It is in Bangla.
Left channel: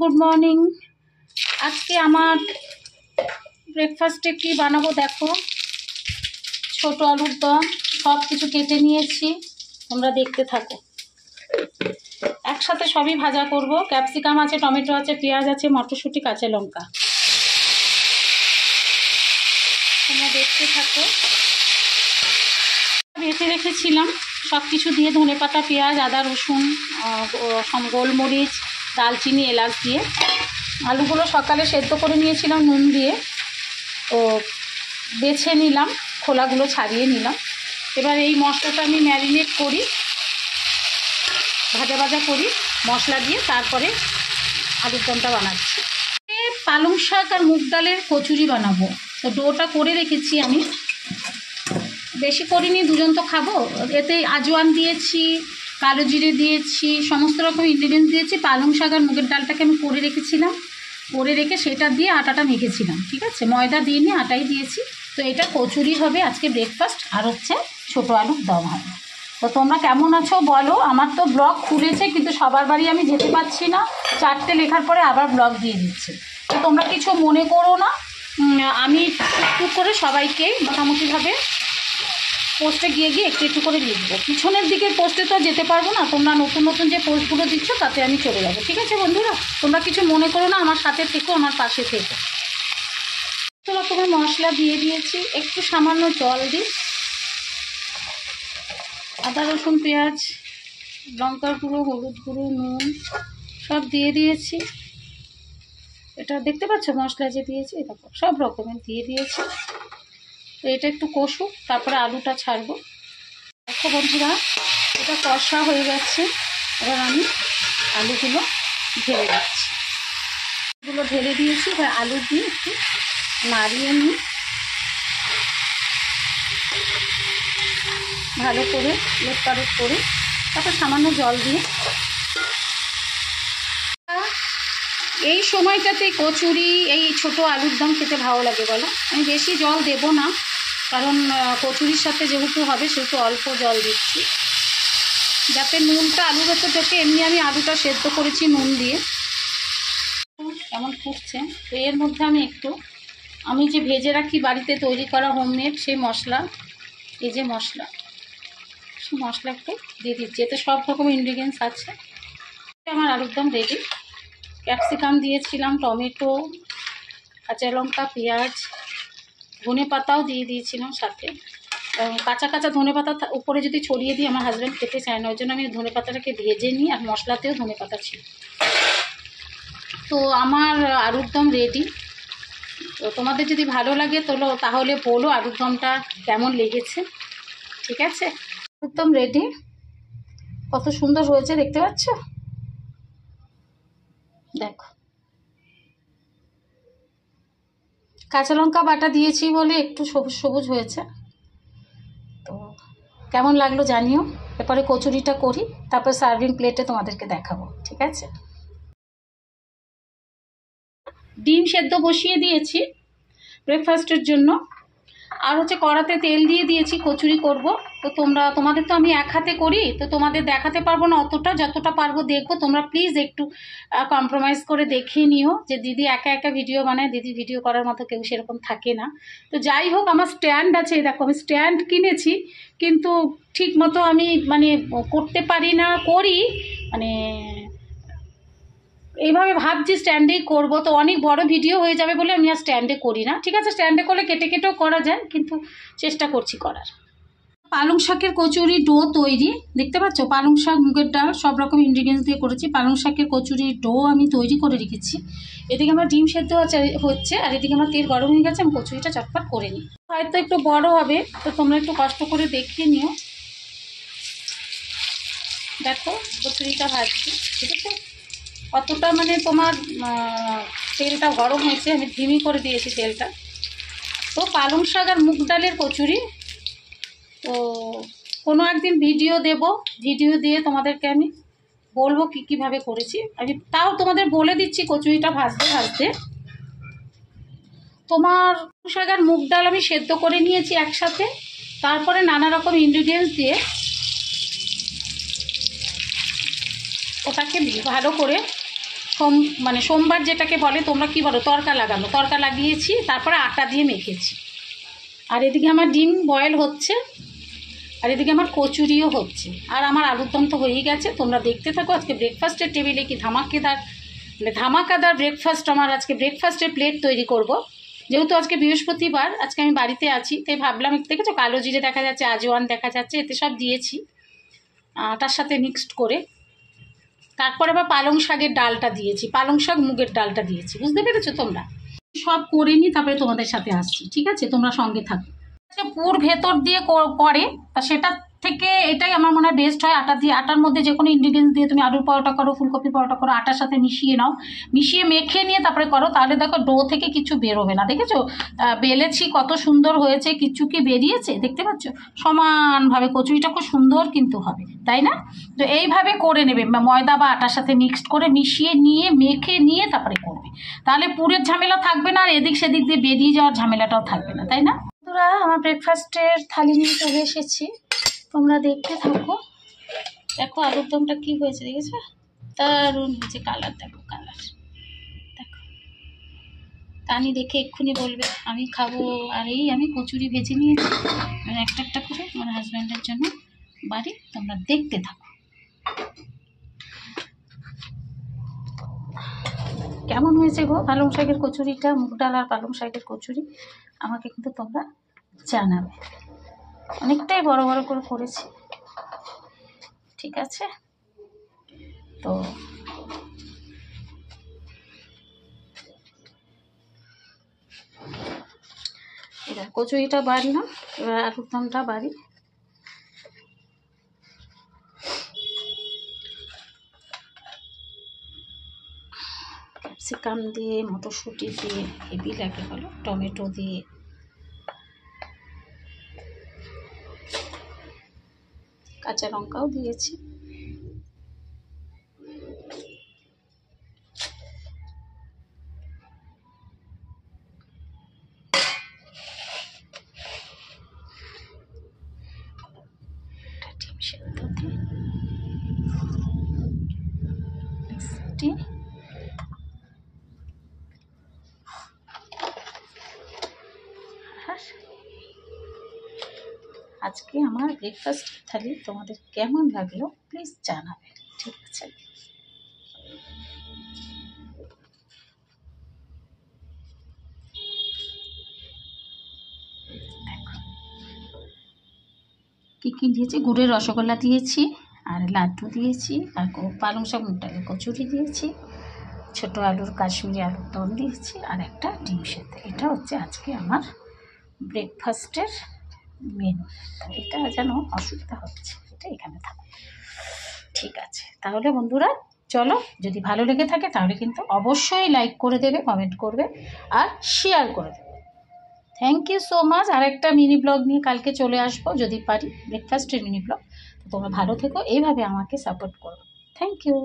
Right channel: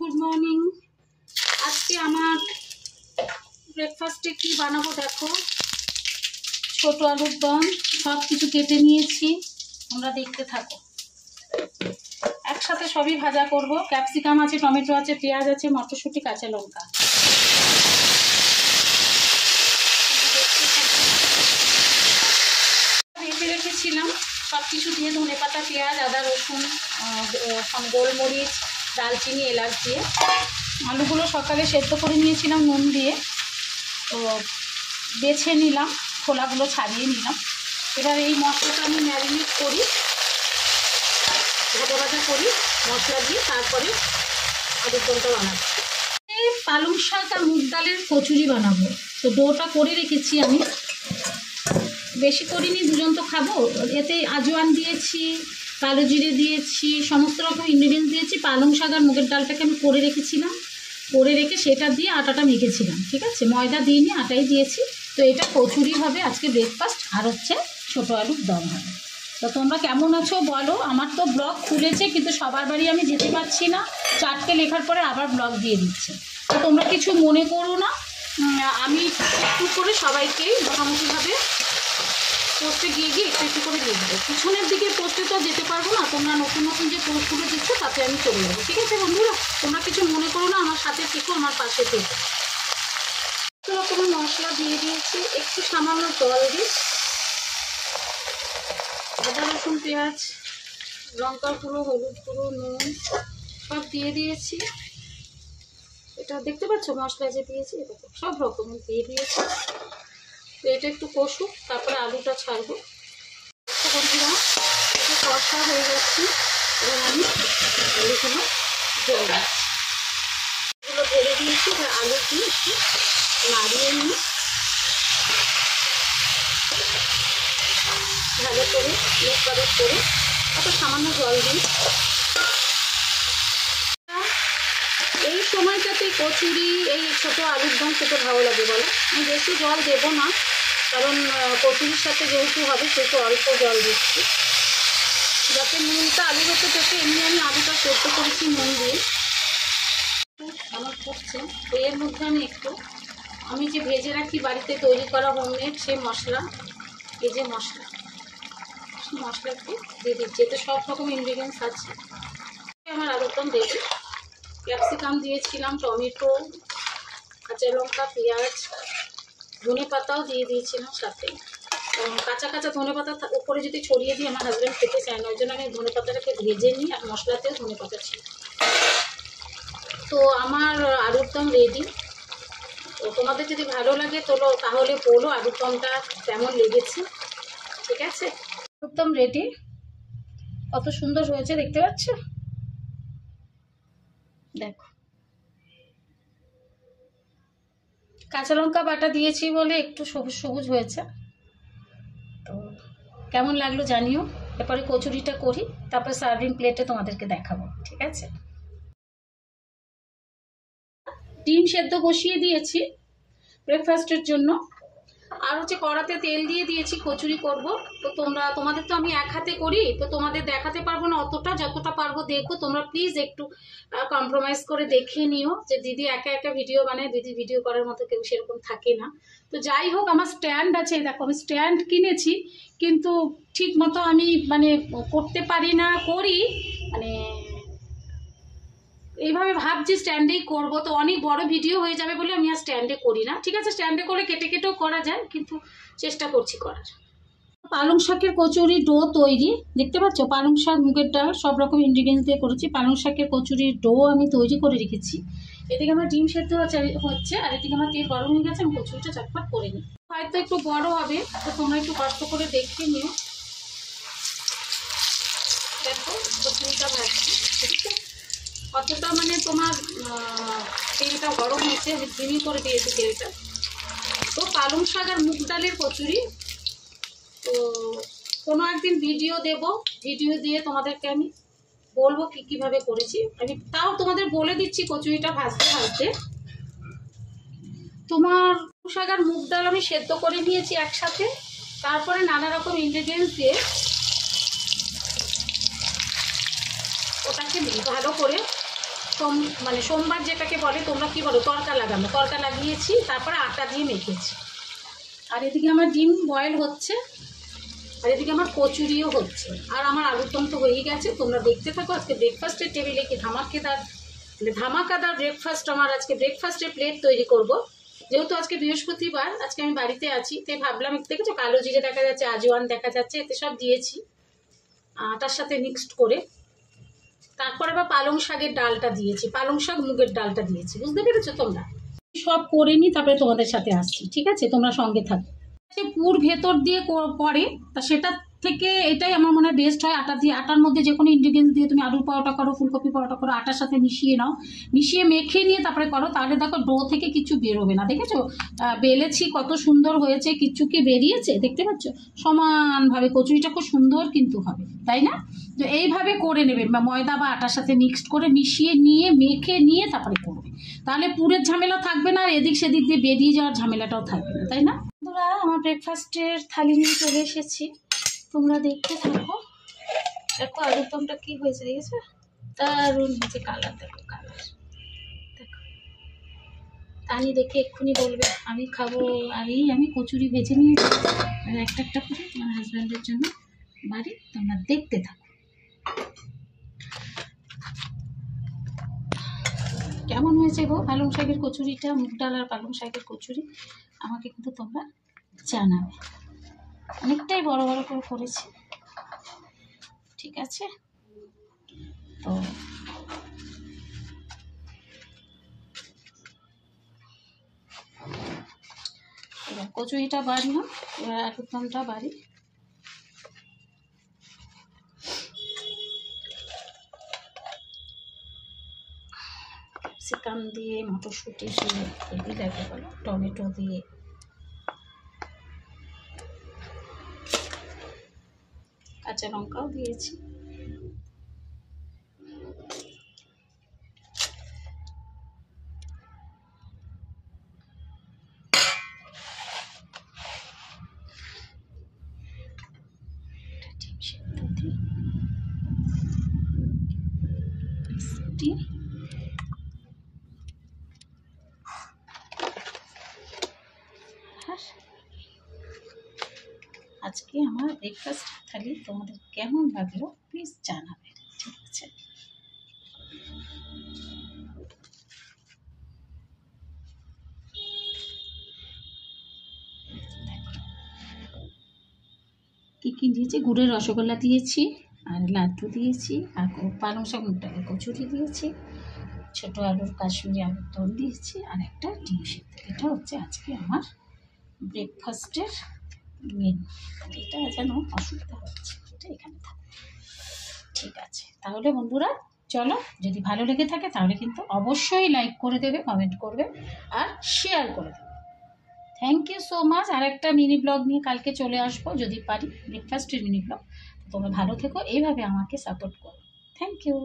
Good morning. আজকে আমার ব্রেকফাস্টে কি বানাবো দেখো। ছোট আলুর দম, সব কিছু কেটে নিয়েছি, তোমরা দেখতে থাকো। একসাথে সবই ভাজা করব। ক্যাপসিকাম আছে, টমেটো আছে, পেঁয়াজ আছে, মটরশুঁটি, কাঁচা লঙ্কা। তোমরা দেখতে থাকো। বেটে রেখেছিলাম সব কিছু দিয়ে, ধনেপাতা, পেঁয়াজ, আদা, রসুন, গোলমরিচ, দালচিনি, এলাচ দিয়ে। আলুগুলো সকালে সেদ্ধ করে নিয়েছিলাম নুন দিয়ে, তো বেছে নিলাম, খোলাগুলো ছাড়িয়ে নিলাম। এবার এই মশলাটা আমি ম্যারিনেট করি, ভাজা ভাজা করি মশলা দিয়ে, তারপরে আলুর দমটা বানাচ্ছি। পালং শাক আর মুগ ডালের কচুরি বানাবো। তো ডোটা করে রেখেছি আমি, বেশি করিনি, দুজন তো খাবো। এতে আজওয়ান দিয়েছি, কালো জিরে দিয়েছি, সমস্ত রকম ইনগ্রিডিয়েন্টস দিয়েছি। পালং শাক আর মুগের ডালটাকে আমি করে রেখেছিলাম, করে রেখে সেটা দিয়ে আটাটা মেখেছিলাম, ঠিক আছে, ময়দা দিইনি, আটাই দিয়েছি। তো এটা কচুরি হবে আজকে ব্রেকফাস্ট, আর হচ্ছে ছোটো আলুর দম হবে। তো তোমরা কেমন আছো বলো। আমার তো ব্লগ খুলেছে, কিন্তু সবার বাড়ি আমি যেতে পারছি না, 4টে লেখার পরে আবার ব্লগ দিয়ে দিচ্ছে। তো তোমরা কিছু মনে করো না, আমি একটু করে সবাইকেই মোটামুটিভাবে পোস্টে গিয়ে একটু একটু করে দিয়ে দেবো। পিছনের দিকে পোস্টে তো যেতে পারবো না, তোমরা নতুন নতুন যে পোস্টগুলো দিচ্ছ তাতে আমি চলে যাবো, ঠিক আছে বন্ধুরা। তোমরা কিছু মনে করো না, আমার সাথে থেকো, আমার পাশে থেকো। চলো, তুমি মশলা দিয়ে দিয়েছি, একটু সামান্য জল দিই, আদা রসুন পেঁয়াজ, লঙ্কার গুঁড়ো, হলুদ গুঁড়ো, নুন সব দিয়ে দিয়েছি। এটা দেখতে পাচ্ছ মশলা যে দিয়েছি, দেখো সব রকমের দিয়ে দিয়েছি। তো এটা একটু কষুক, তারপরে আলুটা ছাড়বো। দেখো বন্ধুরা, এটা কষা হয়ে যাচ্ছে। এবার আমি আলুগুলো ঢেলে দিচ্ছি। এগুলো ঢেলে দিয়েছি, এবার আলু দিয়ে একটু নাড়িয়ে নিই ভালো করে, উৎপাদক করে, তারপর সামান্য জল দিয়ে। এই সময়টাতে কচুরি, এই ছোটো আলুর দম খেতে ভালো লাগে বলো। আমি বেশি জল দেবো না, কারণ কচুরির সাথে যেহেতু হবে সেহেতু অল্প জল দিচ্ছি, যাতে নুনটা আলুর ভেতর থেকে। এমনি আমি আলুটা সেদ্ধ করেছি নুন দিয়ে। এমন ফুটছে, তো এর মধ্যে আমি যে ভেজে রাখি বাড়িতে তৈরি করা হোমমেড সেই মশলা, এই যে মশলা, সেই মশলা একটু দিয়ে দিচ্ছি। এতে সব রকম ইনগ্রিডিয়েন্টস আছে। আমার আলুর দম রেডি। ক্যাপসিকাম দিয়েছিলাম, টমেটো, কাঁচা লঙ্কা, পেঁয়াজ, ধনে পাতাও দিয়ে দিয়েছিলাম সাথে। কাঁচা কাঁচা ধনে পাতা উপরে যদি ছড়িয়ে দিই, আমার হাজব্যান্ড খেতে চায় না, ওই জন্য আমি ধনে পাতাটাকে ভেজে নিই, আর মশলাতেও ধনে পাতা ছিল। তো আমার আলুর দম রেডি। তো তোমাদের যদি ভালো লাগে তাহলে বলো আলুর দমটা কেমন লেগেছে, ঠিক আছে। আলুর দম রেডি, কত সুন্দর হয়েছে দেখতে পাচ্ছ, দেখো। কাঁচা লঙ্কা বাটা দিয়েছি বলে একটু সবুজ সবুজ হয়েছে। তো কেমন লাগলো জানিও। এরপরে কচুরিটা করি, তারপর সার্ভিং প্লেটে তোমাদেরকে দেখাবো, ঠিক আছে। ডিম সেদ্ধ বসিয়ে দিয়েছি ব্রেকফাস্টের জন্য, আর হচ্ছে কড়াতে তেল দিয়ে দিয়েছি, কচুরি করব। তো তোমাদের তো আমি এক হাতে করি, তো তোমাদের দেখাতে পারবো না অতটা, যতটা পারবো দেখবো। তোমরা প্লিজ একটু কম্প্রোমাইজ করে দেখে নিও, যে দিদি একা একা ভিডিও বানায়, দিদি ভিডিও করার মতো কেউ সেরকম থাকে না। তো যাই হোক, আমার স্ট্যান্ড আছে, দেখো আমি স্ট্যান্ড কিনেছি, কিন্তু ঠিক মতো আমি করতে পারি না, করি এইভাবে ভাবছি স্ট্যান্ডেই করব। তো অনেক বড় ভিডিও হয়ে যাবে বলে আমি আর স্ট্যান্ডে করি না, ঠিক আছে। স্ট্যান্ডে করলে কেটে কেটেও করা যায়, কিন্তু চেষ্টা করছি করার। পালং শাকের কচুরি ডো তৈরি, দেখতে পাচ্ছ, পালং শাক, মুগের ডাল, সব রকম ইনগ্রিডিয়েন্টস দিয়ে করেছি। পালং শাকের কচুরির ডো আমি তৈরি করে রেখেছি। এদিকে আমার ডিম সেদ্ধ হচ্ছে, আর এদিকে আমার তেল গরম হয়ে গেছে, আমি কচুরিটা চটপট করে নিই। হয়তো একটু বড় হবে, তো তোমরা একটু কষ্ট করে দেখে নিও। দেখো কচুরিটা ভাজছি, ঠিক আছে। কতটা তোমার তেলটা গরম হয়েছে, আমি ধিমি করে দিয়েছি তেলটা। তো পালং শাক আর মুগ ডালের কচুরি, তো কোনো একদিন ভিডিও দেব, ভিডিও দিয়ে তোমাদেরকে আমি বলবো কীভাবে করেছি। আমি তাও তোমাদের বলে দিচ্ছি, কচুরিটা ভাজতে ভাজতে। তোমার শাক আর মুগ ডাল আমি সেদ্ধ করে নিয়েছি একসাথে, তারপরে নানা রকম ইনগ্রিডিয়েন্টস দিয়ে ওটাকে ভালো করে মানে সোমবার যেটাকে বলে, তোমরা কি বলো, তড়কা লাগানো, তড়কা লাগিয়েছি, তারপরে আটা দিয়ে মেখেছি। আর এদিকে আমার ডিম বয়েল হচ্ছে, আর এদিকে আমার কচুরিও হচ্ছে, আর আমার আলুর দম তো হয়েই গেছে। তোমরা দেখতে থাকো আজকে ব্রেকফাস্টের টেবিলে কি ধামাকাদার ব্রেকফাস্ট। আমার আজকে ব্রেকফাস্টের প্লেট তৈরি করব। যেহেতু আজকে বৃহস্পতিবার, আজকে আমি বাড়িতে আছি, তাই ভাবলাম, দেখেছো কালো জিরে দেখা যাচ্ছে, আজওয়ান দেখা যাচ্ছে, এতে সব দিয়েছি তার সাথে মিক্সড করে। তারপরে আবার পালং শাকের ডালটা দিয়েছি, পালং শাক মুগের ডালটা দিয়েছি, বুঝতে পেরেছো তোমরা। সব করে নিই, তারপরে তোমাদের সাথে আসছি, ঠিক আছে? তোমরা সঙ্গে থাকো। পুর ভেতর দিয়ে করে, তা সেটা থেকে এটাই আমার মনে হয় বেস্ট হয়। আটা দিয়ে, আটার মধ্যে যে কোনো ইনগ্রিডিয়েন্টস দিয়ে তুমি আলুর পরোটা করো, ফুলকপি পরোটা করো, আটার সাথে মিশিয়ে নাও, মিশিয়ে মেখে নিয়ে তারপরে করো, তাহলে দেখো ডো থেকে কিছু বেরোবে না। দেখেছো বেলেছি কত সুন্দর হয়েছে, কিছু কি বেরিয়েছে দেখতে পাচ্ছ? সমানভাবে কচুরিটা খুব সুন্দর কিন্তু হবে, তাই না? তো এইভাবে করে নেবে, ময়দা বা আটার সাথে মিক্সড করে মিশিয়ে নিয়ে মেখে নিয়ে তারপরে করবে, তাহলে পুরের ঝামেলা থাকবে না, আর এদিক সেদিক দিয়ে বেরিয়ে যাওয়ার ঝামেলাটাও থাকবে না, তাই না? বন্ধুরা, আমার ব্রেকফাস্টের থালি নিয়ে চলে এসেছি, তোমরা দেখতে থাকো। দেখো আলুর দমটা কি হয়েছে, দেখেছো? দারুণ হয়েছে, কালার দেখো, কালার দেখো। তানি দেখে এক্ষুনি বলবে আমি খাবো। আর এই আমি কচুরি ভেজে নিয়েছি একটা একটা করে আমার হাজব্যান্ডের জন্য বাড়ি, তোমরা দেখতে থাকো কেমন হয়েছে গো পালং শাকের কচুরিটা, মুগ ডাল আর পালং শাকের কচুরি। আমাকে কিন্তু তোমরা জানাবে। অনেকটাই বড় বড় করে করেছি, ঠিক আছে? তো এবার কচুরিটা বাড়লাম, এবার আলুর দমটা বাড়ি। ক্যাপসিকাম দিয়ে, মটরশুঁটি দিয়ে, হেভি লাগে বলো, টমেটো দিয়ে, কাঁচা লঙ্কাও দিয়েছি। ডিম সেদ্ধ দিয়ে মিষ্টি, আর আজকে আমার ব্রেকফাস্ট থালি তোমাদের কেমন লাগলো প্লিজ জানাবে, ঠিক আছে? কী দিয়েছি, গুড়ের রসগোল্লা দিয়েছি, আর লাড্ডু দিয়েছি, আর পালং শাক মুগ ডালের কচুরি দিয়েছি, ছোটো আলুর কাশ্মীরি আলুর দম দিয়েছি, আর একটা ডিম সেদ্ধ। এটা হচ্ছে আজকে আমার ব্রেকফাস্টের মেনু। এটা যেন অসুবিধা হচ্ছে, এটা এখানে থাকো, ঠিক আছে? তাহলে বন্ধুরা চলো, যদি ভালো লেগে থাকে তাহলে কিন্তু অবশ্যই লাইক করে দেবে, কমেন্ট করবে, আর শেয়ার করে দেবে। Thank you so much. আর একটা মিনি ব্লগ নিয়ে কালকে চলে আসবো যদি পারি, ব্রেকফাস্টের মিনি ব্লগ। তোমরা ভালো থেকো, এইভাবে আমাকে সাপোর্ট করো। Thank you.